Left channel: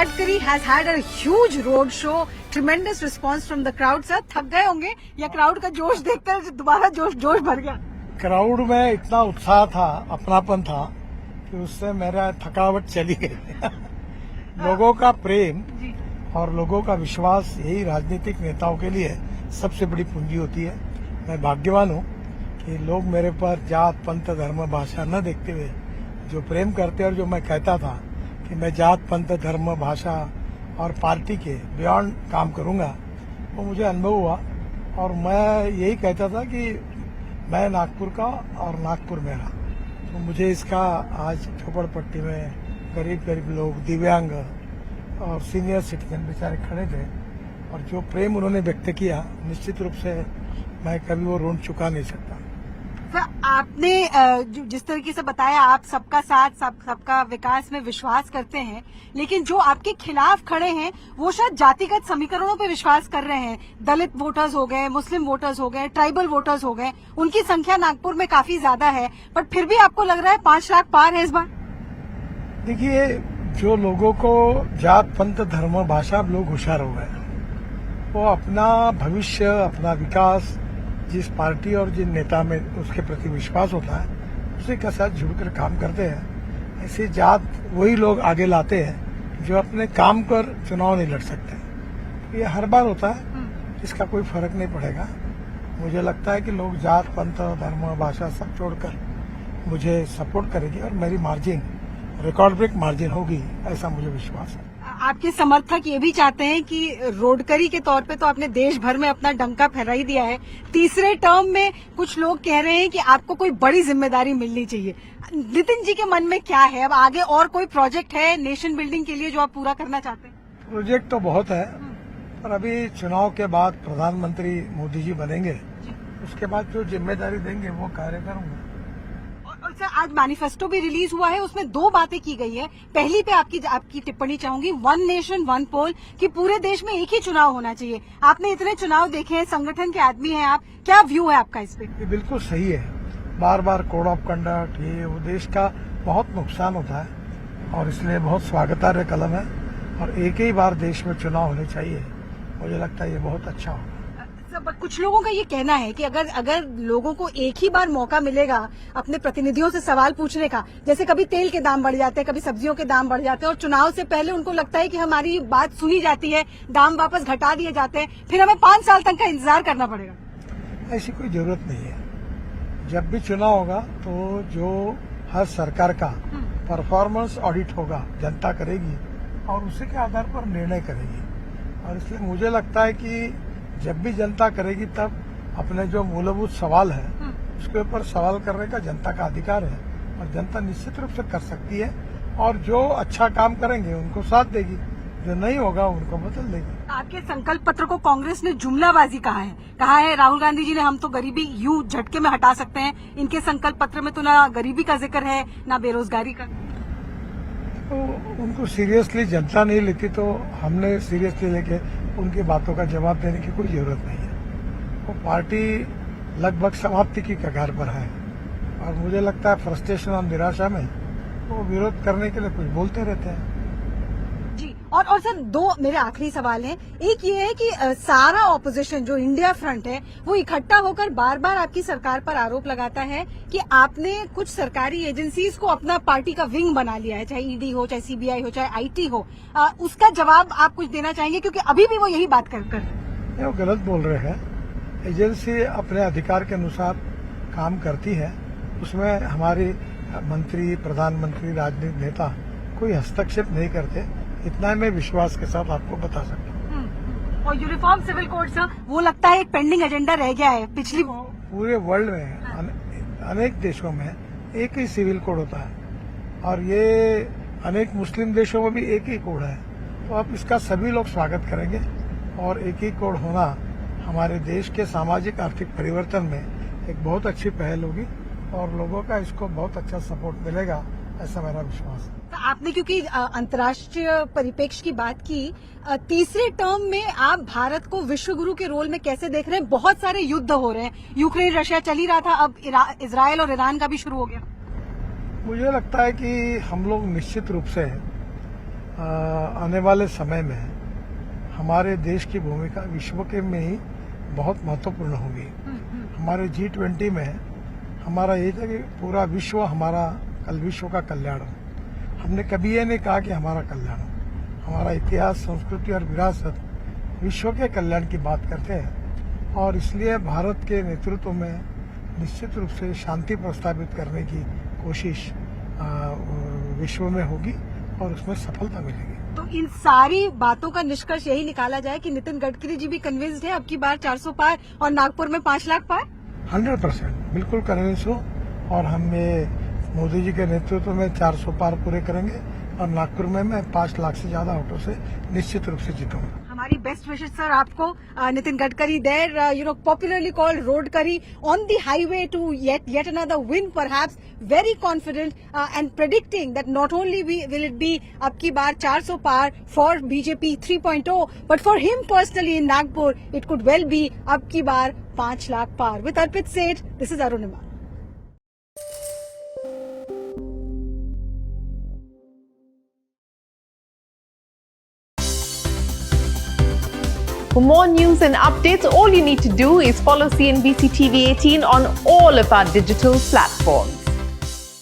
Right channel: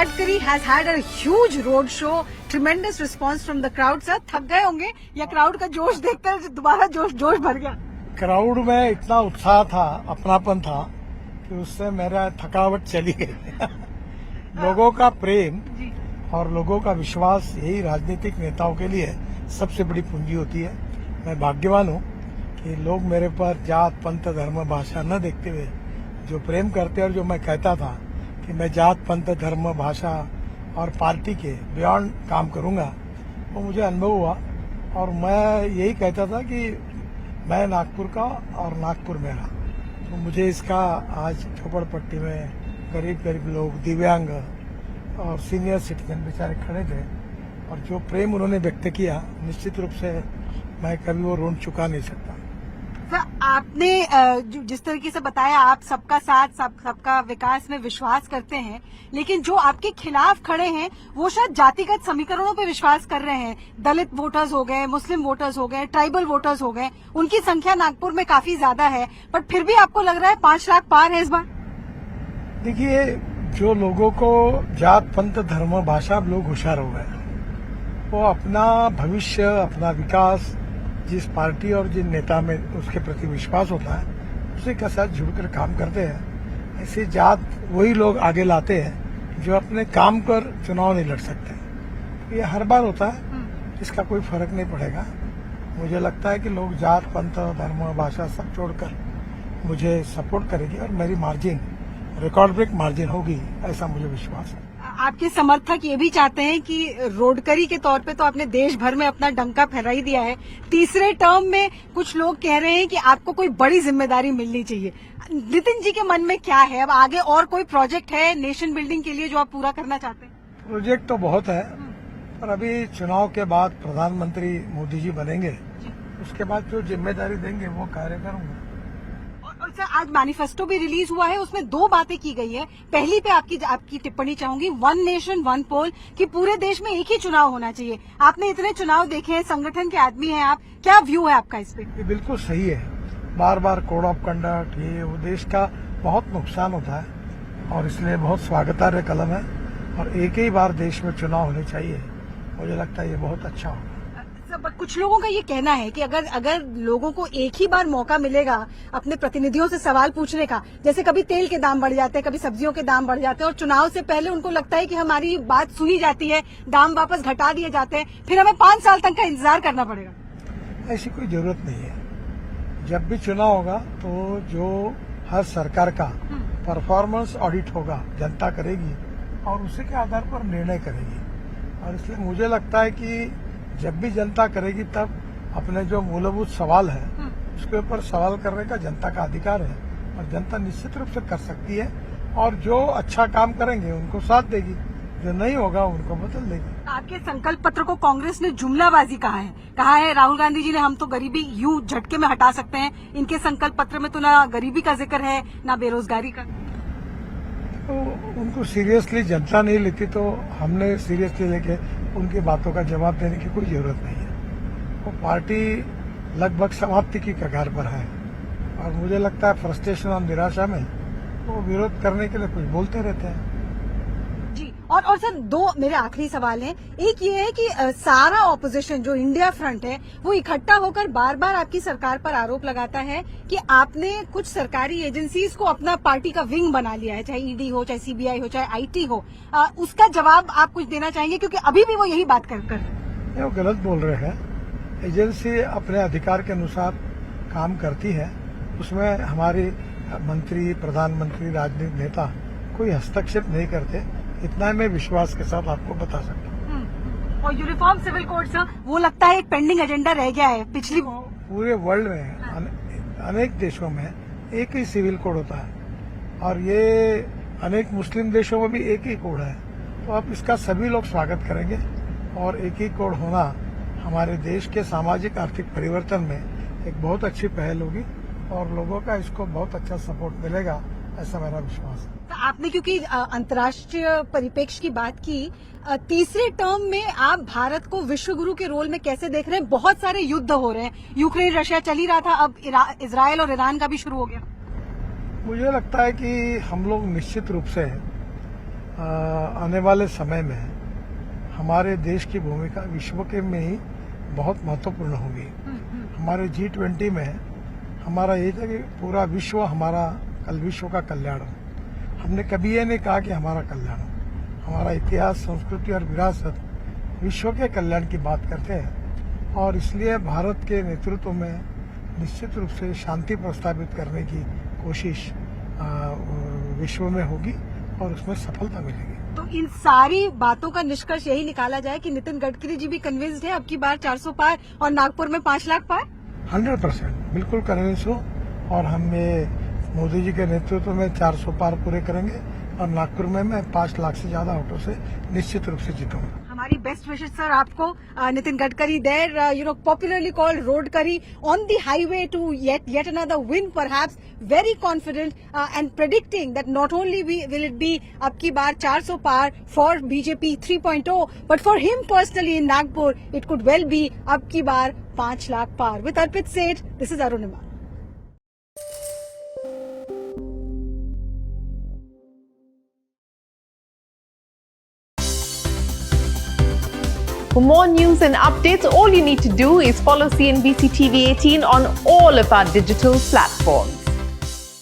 Gadkari has had a huge road show. Tremendous response from the crowd. Sir, थक गए होंगे या crowd का जोश देखकर दोबारा जोश भर गया? क्राउड में इतना उत्साह था, अपनापन था कि उससे मेरा थकावट चली गई। लोगों का प्रेम और लोगों का विश्वास यही राजनीतिक नेताओं के लिए सबसे बड़ी पूंजी होती है। मैं भाग्यवान हूँ कि लोग मेरे पर जात पंथ धर्म भाषा न देखते हुए जो प्रेम करते हैं, और जो मैं कहता था कि मैं जात पंथ धर्म भाषा और पार्टी के बियॉन्ड काम करूंगा, वो मुझे अनुभव हुआ। और मैं यही कहता था कि मैं नागपुर का और नागपुर मेरा। तो मुझे इसका आज झोपड़पट्टी में गरीब लोग, दिव्यांग और सीनियर सिटीजन बेचारे खड़े थे, और जो प्रेम उन्होंने व्यक्त किया, निश्चित रूप से मैं कभी वो ऋण चुका नहीं सकता। सर, आपने जिस तरीके से बताया, आप सबका साथ सबका विकास में विश्वास करते हैं, लेकिन जो आपके खिलाफ खड़े हैं वो शायद जातिगत समीकरणों पे विश्वास कर रहे हैं। दलित वोटर्स हो गए, मुस्लिम वोटर्स हो गए, ट्राइबल वोटर्स हो गए, उनकी संख्या नागपुर में काफी ज्यादा है, बट फिर भी आपको लग रहा है 5 लाख पार है इस बार? देखिए, जो लोगों को जात पंथ धर्म भाषा लोग होशियार हो गए, वो अपना भविष्य, अपना विकास जिस पार्टी और जिन नेता में उसके प्रति विश्वास होता है, उसी के साथ जुड़कर काम करते हैं। ऐसी जात वही लोग आगे लाते हैं जो अपने काम पर चुनाव नहीं लड़ सकते। ये हर बार होता है, इसका कोई फर्क नहीं पड़ेगा। मुझे लगता है कि लोग जात पंथ और धर्म और भाषा सब छोड़कर मुझे सपोर्ट करेंगे और मेरी मार्जिन रिकॉर्ड ब्रेक मार्जिन होगी, ऐसा मुझे विश्वास है। आपके समर्थक ये भी चाहते हैं कि रोडकरी के तौर पे तो आपने देश भर में अपना डंका फहरा ही दिया है, तीसरे टर्म में कुछ लोग कह रहे हैं कि आपको कोई बड़ी जिम्मेदारी मिलनी चाहिए। नितिन जी के मन में क्या है? अब आगे और कोई प्रोजेक्ट है नेशन बिल्डिंग के लिए जो आप पूरा करना चाहते हैं? प्रोजेक्ट तो बहुत है, पर अभी चुनाव के बाद प्रधानमंत्री मोदी जी बनेंगे, उसके बाद जो जिम्मेदारी देंगे वो कार्यक्रम। और सर, आज मैनिफेस्टो भी रिलीज हुआ है, उसमें 2 बातें की गई है। पहली पे आपकी टिप्पणी चाहूंगी, 1 नेशन 1 पोल, कि पूरे देश में एक ही चुनाव होना चाहिए। आपने इतने चुनाव देखे हैं, संगठन के आदमी हैं आप, क्या व्यू है आपका इस पे? ये बिल्कुल सही है। बार बार कोड ऑफ कंडक्ट, ये वो देश का बहुत नुकसान होता है, और इसलिए बहुत स्वागतार्ह कदम है। और एक ही बार देश में चुनाव होने चाहिए, मुझे लगता है ये बहुत अच्छा होगा। कुछ लोगों का ये कहना है कि अगर लोगों को एक ही बार मौका मिलेगा अपने प्रतिनिधियों से सवाल पूछने का, जैसे कभी तेल के दाम बढ़ जाते हैं, कभी सब्जियों के दाम बढ़ जाते हैं, और चुनाव से पहले उनको लगता है कि हमारी बात सुनी जाती है, दाम वापस घटा दिए जाते हैं, फिर हमें 5 साल तक का इंतजार करना पड़ेगा। ऐसी कोई जरूरत नहीं है। जब भी चुनाव होगा तो जो हर सरकार का परफॉर्मेंस ऑडिट होगा, जनता करेगी और उसी के आधार पर निर्णय करेगी। और इसलिए मुझे लगता है कि जब भी जनता करेगी, तब अपने जो मूलभूत सवाल है उसके ऊपर सवाल करने का जनता का अधिकार है, और जनता निश्चित रूप से कर सकती है। और जो अच्छा काम करेंगे उनको साथ देगी, जो नहीं होगा उनको बदल देगी। आपके संकल्प पत्र को कांग्रेस ने जुमलाबाजी कहा है राहुल गांधी जी ने, हम तो गरीबी यूं झटके में हटा सकते हैं। इनके संकल्प पत्र में तो ना गरीबी का जिक्र है, ना बेरोजगारी का। तो उनको सीरियसली जनता नहीं लेती, तो हमने सीरियसली लेके उनकी बातों का जवाब देने की कोई जरूरत नहीं है। वो पार्टी लगभग समाप्ति की कगार पर है, और मुझे लगता है फ्रस्ट्रेशन और निराशा में वो विरोध करने के लिए कुछ बोलते रहते हैं। जी, और सर, 2 मेरे आखिरी सवाल हैं। एक ये है कि सारा ऑपोजिशन जो इंडिया फ्रंट है वो इकट्ठा होकर बार बार आपकी सरकार पर आरोप लगाता है कि आपने कुछ सरकारी एजेंसीज को अपना पार्टी का विंग बना लिया है, चाहे ईडी हो, चाहे सीबीआई हो, चाहे आईटी हो। उसका जवाब आप कुछ देना चाहेंगे? क्योंकि अभी भी वो यही बात कर वो गलत बोल रहे हैं। एजेंसी अपने अधिकार के अनुसार काम करती है, उसमें हमारी मंत्री, प्रधानमंत्री, राजनीतिक नेता कोई हस्तक्षेप नहीं करते। इतना मैं विश्वास के साथ आपको बता सकता हूँ। और यूनिफॉर्म सिविल कोड सर, वो लगता है एक पेंडिंग एजेंडा रह गया है पिछली। पूरे वर्ल्ड में अनेक देशों में एक ही सिविल कोड होता है, और ये अनेक मुस्लिम देशों में भी एक ही कोड है। तो अब इसका सभी लोग स्वागत करेंगे, और एक ही कोड होना हमारे देश के सामाजिक आर्थिक परिवर्तन में एक बहुत अच्छी पहल होगी, और लोगों का इसको बहुत अच्छा सपोर्ट मिलेगा, ऐसा मेरा विश्वास है। आपने क्योंकि अंतर्राष्ट्रीय परिप्रेक्ष्य की बात की, तीसरे टर्म में आप भारत को विश्व गुरु के रोल में कैसे देख रहे हैं? बहुत सारे युद्ध हो रहे हैं, यूक्रेन रशिया चल ही रहा था, अब इजराइल और ईरान का भी शुरू हो गया। मुझे लगता है कि हम लोग निश्चित रूप से आने वाले समय में हमारे देश की भूमिका विश्व के में ही बहुत महत्वपूर्ण होगी। हमारे G20 में हमारा ये था कि पूरा विश्व हमारा विश्व का कल्याण हो। हमने कभी ये नहीं कहा कि हमारा कल्याण हो। हमारा इतिहास, संस्कृति और विरासत विश्व के कल्याण की बात करते हैं और इसलिए भारत के नेतृत्व में निश्चित रूप से शांति प्रस्तावित करने की कोशिश विश्व में होगी और उसमें सफलता मिलेगी। तो इन सारी बातों का निष्कर्ष यही निकाला जाए कि नितिन गडकरी जी भी कन्विंस्ड है अब की बार 400 पार और नागपुर में 5 लाख पार? 100% बिल्कुल कन्विंस हूँ और हम ये मोदी जी के नेतृत्व में 400 पार पूरे करेंगे और नागपुर में मैं 5 लाख से ज्यादा वोटों से निश्चित रूप से जीतूंगा। हमारी बेस्ट विशेष सर आपको। Nitin Gadkari there popularly called road करी on the highway to yet another win perhaps, very confident and predicting that not only will it be अब की बार 400 पार for BJP 3.0 but for him personally in Nagpur it could well be अब की बार 5 लाख पार। With Arpit Seth, this is Arunima. For more news and updates, all you need to do is follow CNBC TV 18 on all of our digital platforms.